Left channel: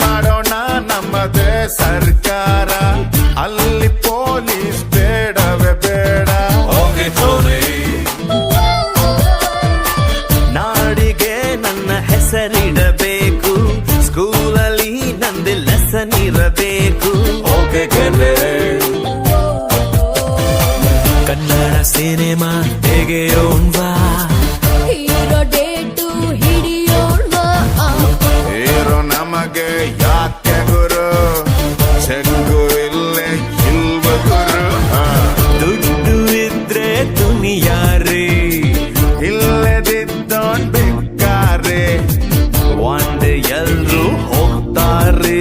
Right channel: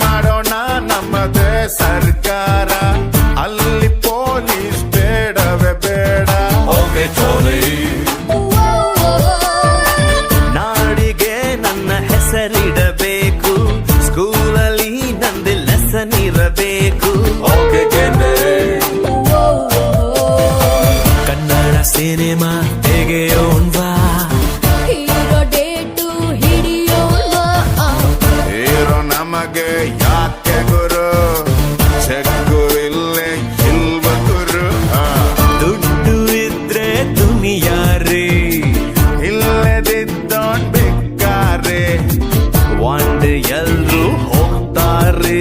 ಮಾಡೋಣ ನಮ್ಮದೇ ಸರ್ಕಾರ, ಅಲ್ಲಿ ಪೊಲೀಸ್ ಬೇಡವೇ ಬೇಡ. ನಾಡಿಗೆ ನನ್ನ ಹೆಸರಿಡಬೇಕು, ಸ್ಕೂಲಲ್ಲಿ ನಂದು ಲೆಸನ್ ಇರಬೇಕು. ಕನ್ನಡ ಸಿನಿಮಾ ತೆಗೆಯೋಣ್ವಾ, ಹೀರೋ ಡೇಟು ಹಿಡಿಯೋಣ್ವಾ. ಹೀರೋ ನಮಗೆ ಯಾಕೆ ಗುರು, ಚೆಕ್ಕು ಇಲ್ಲೇ ಇಲ್ವ ಗುರು. ದುಡ್ಡು ಇದ್ರೆ ದುನಿಯಾರಿ, ಇಲ್ಲದಿದ್ದೋನ್ ಬೇಕಾರೆ. ಒಂದ್ ಎಲ್ರು ಹೋಗ್ತಾರೆ.